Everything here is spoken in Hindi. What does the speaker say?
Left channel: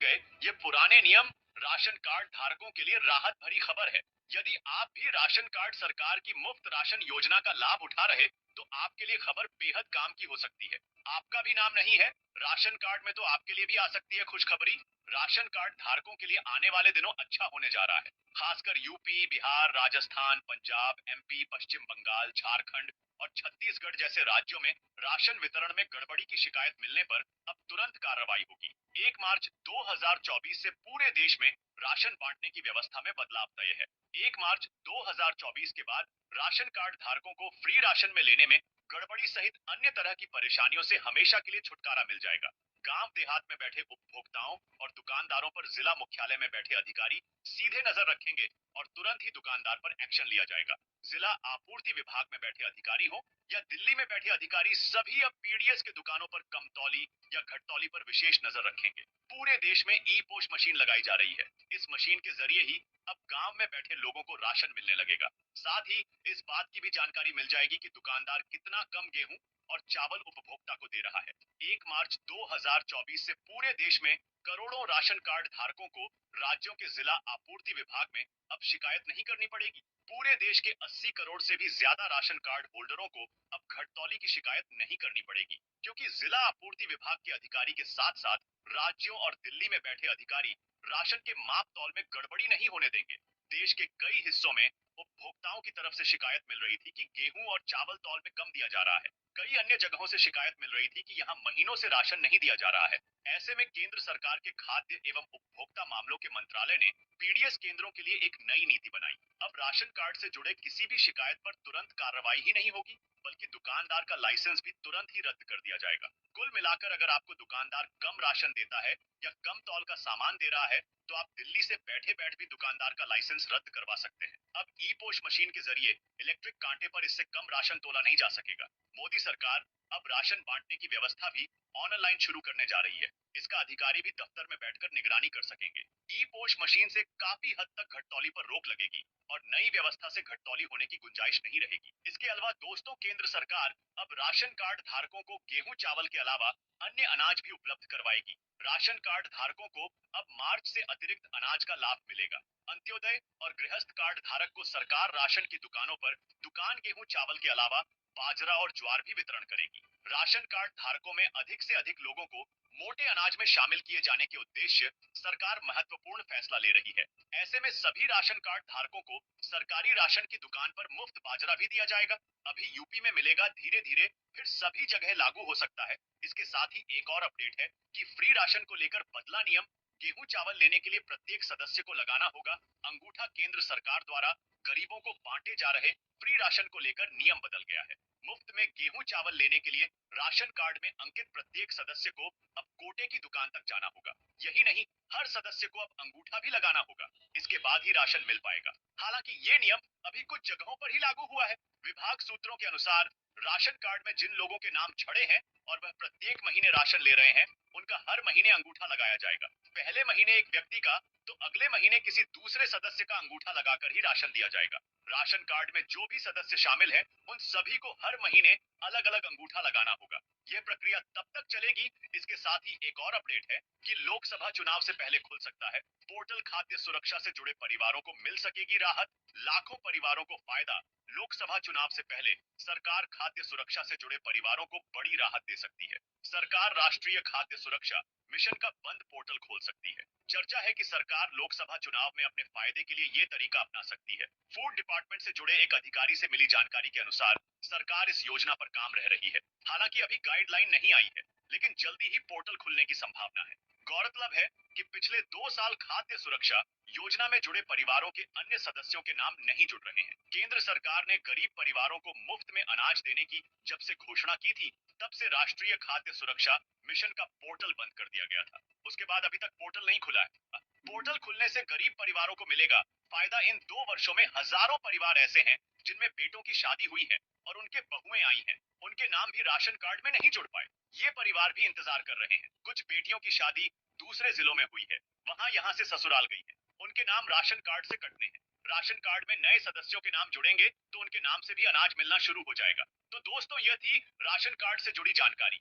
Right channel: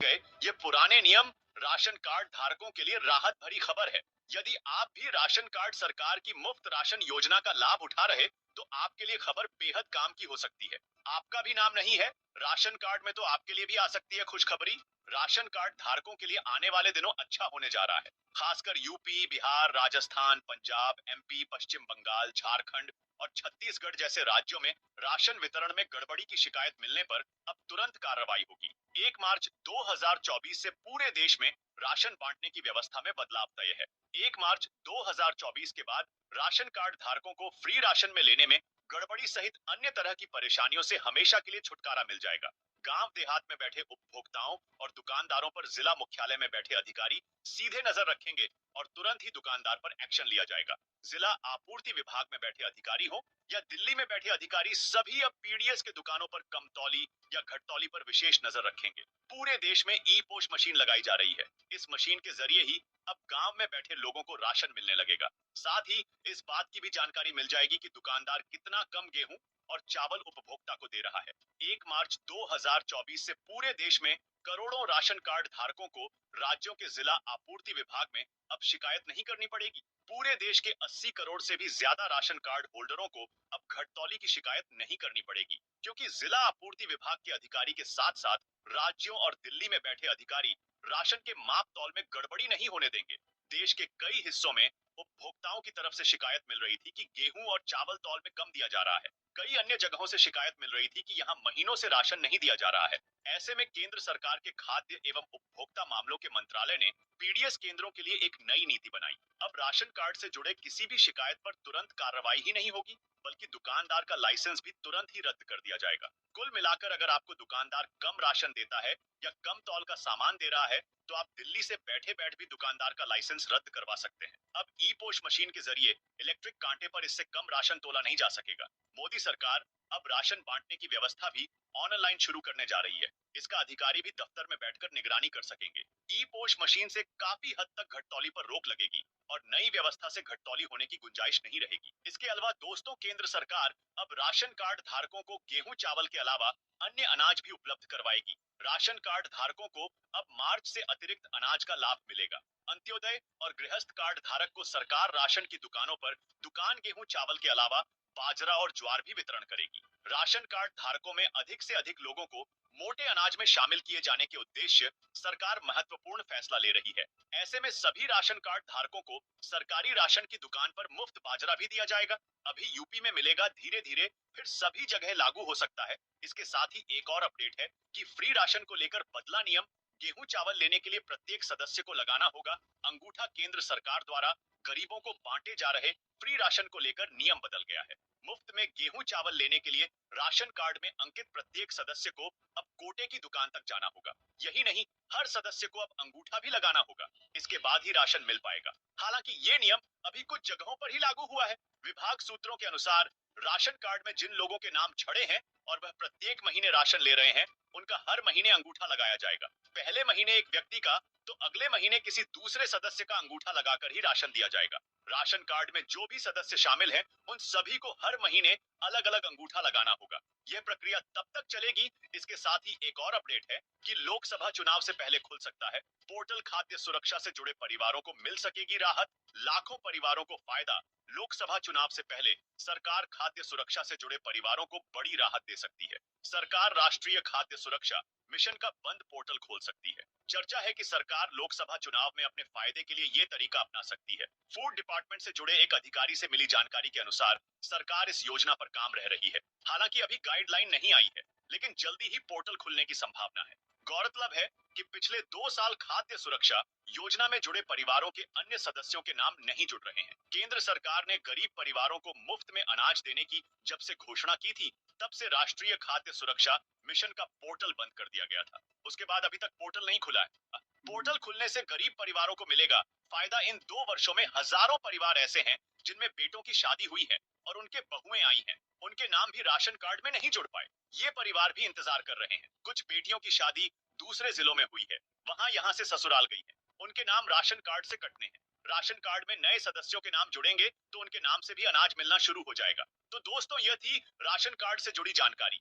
गए। ये पुराने नियम राशन कार्ड धारकों के लिए राहत भरी खबर है। यदि आप भी राशन कार्ड सरकार की मुफ्त राशन योजना का लाभ उठा रहे, तो आपके लिए खबर बेहद काम की हो सकती है। आपका भी नाम नहीं है राशन कार्ड में, तो आपके लिए भी आ सकती है खुशखबरी। राशन कार्ड धारकों के लिए आने वाले दिनों अच्छा होने जा रहा है। खासकर यूपी, बिहार, राजस्थान, पंजाब, एमपी, पश्चिम बंगाल, झारखंड और छत्तीसगढ़ जैसे राज्यों में राशन वितरण में गड़बड़ी की शिकायत मिलने पर अब तुरंत कार्रवाई होगी। 1 मार्च 2024 से पूरे देश में राशन बांटने की व्यवस्था में बदलाव तय है। 1 मार्च 2024 के बाद राशन कार्ड धारकों को फ्री राशन में लेने में गड़बड़ी सहित अन्य तरह की परेशानियों से हमेशा के लिए छुटकारा मिल जाएगा। गांव देहात में बैठे उपभोक्ताओं और दुकानदारों पर जिला मुख्यालय में बैठे अधिकारी सीधे नजर रखेंगे और तुरंत ही दुकानदार पर एक्शन लिया जाएगा। जिला आपूर्ति विभाग में बैठे अधिकारी हो या दिल्ली में बैठे अधिकारी, सभी अब पीडीएस के दुकानों पर कमतौली या घटतौली पर विशेष नजर रखेंगे। पूरे देश में ई पोश मशीन लगाई जा रही है। इस मशीन के जरिए ही अब गांव में बैठे लोगों को राशन मिलने लगेगा। साथ ही इस बात की भी जानकारी मिल जाएगी कि दुकानदार कितना कम गेहूं और चावल उपभोक्ता को दे रहा है। 1 मार्च 2024 से पूरे देश में करोड़ों राशन कार्ड धारकों को राज्यों के जिला आपूर्ति विभाग में अब शिकायत नहीं करनी पड़ेगी। पूरे देश के 80 करोड़ से भी ज्यादा राशन कार्ड होल्डरों को अब घटतौली की शिकायत नहीं करनी पड़ेगी, क्योंकि जिला आपूर्ति विभाग के अधिकारी के साथ साथ राज्यों और दिल्ली में बैठे अधिकारी राशन के माप तौल में गड़बड़ी नहीं होने देंगे। देश के कई हिस्सों में उपभोक्ताओं की तरफ से शिकायत मिल रही थी कि गेहूं और चावल तौल में कम दिया जा रहा है। कई अन्य जगहों से शिकायत मिल रही थी कि यहाँ महीनों से राशन नहीं दिया जा रहा है। ऐसे में केंद्र सरकार के खाद्य एवं उपभोक्ता मामलों के मंत्रालय ने पीडीएस केंद्रों के लिए एक नई नीति बनाई। अब राशन कार्ड से जुड़े किसी भी शिकायत पर तुरंत कार्रवाई ही नहीं होगी, बल्कि दुकानदार का लाइसेंस भी तुरंत ही रद्द कर दिया जाएगा। कुल मिलाकर अगर आपको दुकानदार कम राशन देता है या कम तौल का सामान दे रहा है, तो आप दिल्ली से बैठे बैठ भी दुकानदार का लाइसेंस रद्द करवा सकते हैं। अब ई पोश मशीन के जरिए इलेक्ट्रिक कांटे पर इससे कम राशन तोला नहीं जा सकेगा। मोदी सरकार अब राशन बांटने की व्यवस्था भी ऑनलाइन शुरू करने जा रही है। इसका अधिकारी भी दफ्तर में बैठकर निगरानी कर सकेंगे। ई पोश मशीन से काफी हद तक घटतौली पर रोक लगेगी और नई व्यवस्था से घटतौली होने की गुंजाइश नहीं रहेगी। इसके अलावा दोस्तों, केंद्र सरकार अब राशन कार्ड धारकों को गेहूं चावल के अलावा अन्य अनाज भी उपलब्ध करवाएगी। राशन कार्ड धारकों को अब मार्च से अतिरिक्त अनाज का लाभ मिलेगा। अंत्योदय और गृहस्थ कार्ड धारक को सरकार राशन की दुकानों पर दुकान गेहूं चावल के अलावा बाजरा और ज्वार भी वितरण करेगी। राशन कार्ड धारकों में अधिक से अधिक लोगों को मोटे अनाज में शामिल किए जाने के उद्देश्य सरकार महत्वपूर्ण फैसला ले रही है। ऐसे में सभी राशन कार्ड धारकों को सरकारी राशन की दुकान पर मुफ्त बाजरा भी दिया जाएगा। अभी यूपी में मिलेगा, धीरे धीरे फिर सभी जगह लागू हो सकता है। इसके साथ ही एक और अपडेट है कि फ्री राशन को लेकर बदला नियम। गेहूं चावल लेने के लिए प्रत्येक सदस्य को लगाना होगा अंगूठा। केंद्र सरकार द्वारा गरीबों को बांटे जा रहे फ्री राशन को लेकर नियम बदल गया है। मुफ्त में गेहूं चावल लेने के लिए राशन कार्ड में अंकित प्रत्येक सदस्य को अब कोटे की दुकान तक जाना होगा। यही नहीं, हर सदस्य को अब अंगूठा भी लगाना होगा। इसके बाद ही राशन मिल पाएगा। हालांकि ये नियम अभी कुछ जगहों पर ही लागू हुआ है। विभाग सूत्रों के अनुसार राशन कार्ड में जिन लोगों के नाम छड़े हैं और वह प्रत्येक महीने राशन ले रहे हैं, उनका हर महीने अंगूठा लगाया जाएगा। पहले महीने एक व्यक्ति का, तो अगले महीने किसी दूसरे सदस्य का अंगूठा लगाकर ही राशन दिया जाएगा। राशन कार्ड में जो भी सदस्य शामिल हैं, उन सभी को हर महीने अलग अलग अंगूठा लगाना होगा। यह प्रक्रिया तब तक चलेगी। इसके साथ ही एक और अपडेट है कि लोकसभा चुनाव से पहले खुल सकता है पोर्टल। खाद्य सुरक्षा से जुड़े परिवारों को मिल सकेगी राहत। लाखों परिवारों को फायदा। लोकसभा चुनाव से पहले सरकार खाद्य सुरक्षा से जुड़े परिवारों को बड़ी राहत दे सकती है। सरकार राष्ट्रीय खाद्य सुरक्षा मिशन का बंद पोर्टल खोल सकती है। चर्चा है कि सरकार लोकसभा चुनाव में अपने फायदे के लिए ये तरीका अपना सकती है। फूड डिपार्टमेंट से जुड़े एक अधिकारी से मिली जानकारी के अनुसार सरकार इस योजना पर काम रह रही है। हालांकि अभी गाइडलाइन नहीं आई है, लेकिन जल्दी ही पोर्टल खुलने की संभावना है। गौरतलब है कि पिछले 2 साल खाद्य सुरक्षा योजना में जुड़े परिवारों के अन्य सदस्यों के नाम नहीं जुड़ रहे हैं। केंद्र सरकार ने गरीब परिवारों को मुफ्त में अनाज देने की जब से घोषणा की थी, तब से राष्ट्रीय खाद्य सुरक्षा मिशन का पोर्टल बंद कर दिया गया था। उसके बाद अभी तक पोर्टल नहीं खुला है। पोर्टल खुलने से गरीब परिवारों को मिलेगा फायदा। इन 2 वर्षों में हजारों परिवार ऐसे हैं जिनमें बेटों की शादी हुई है और उनके बहुएं आई हैं, उनके नाम भी राशन कार्ड में नहीं जुड़ पाए। ये परिवार भी इंतजार कर रहे हैं। कुछ बेटियों की शादी दूसरे जिलों में हुई है, वहां यहाँ से ससुराल गई है, उनके नाम राशन कार्ड से कटने हैं। राशन कार्ड में नए सदस्यों के नाम जुड़ेंगे तो उनके नाम से भी अनाज मिलना शुरू हो जाएगा। तो दोस्तों, यह थी राशन कार्ड से जुड़ी जानकारी।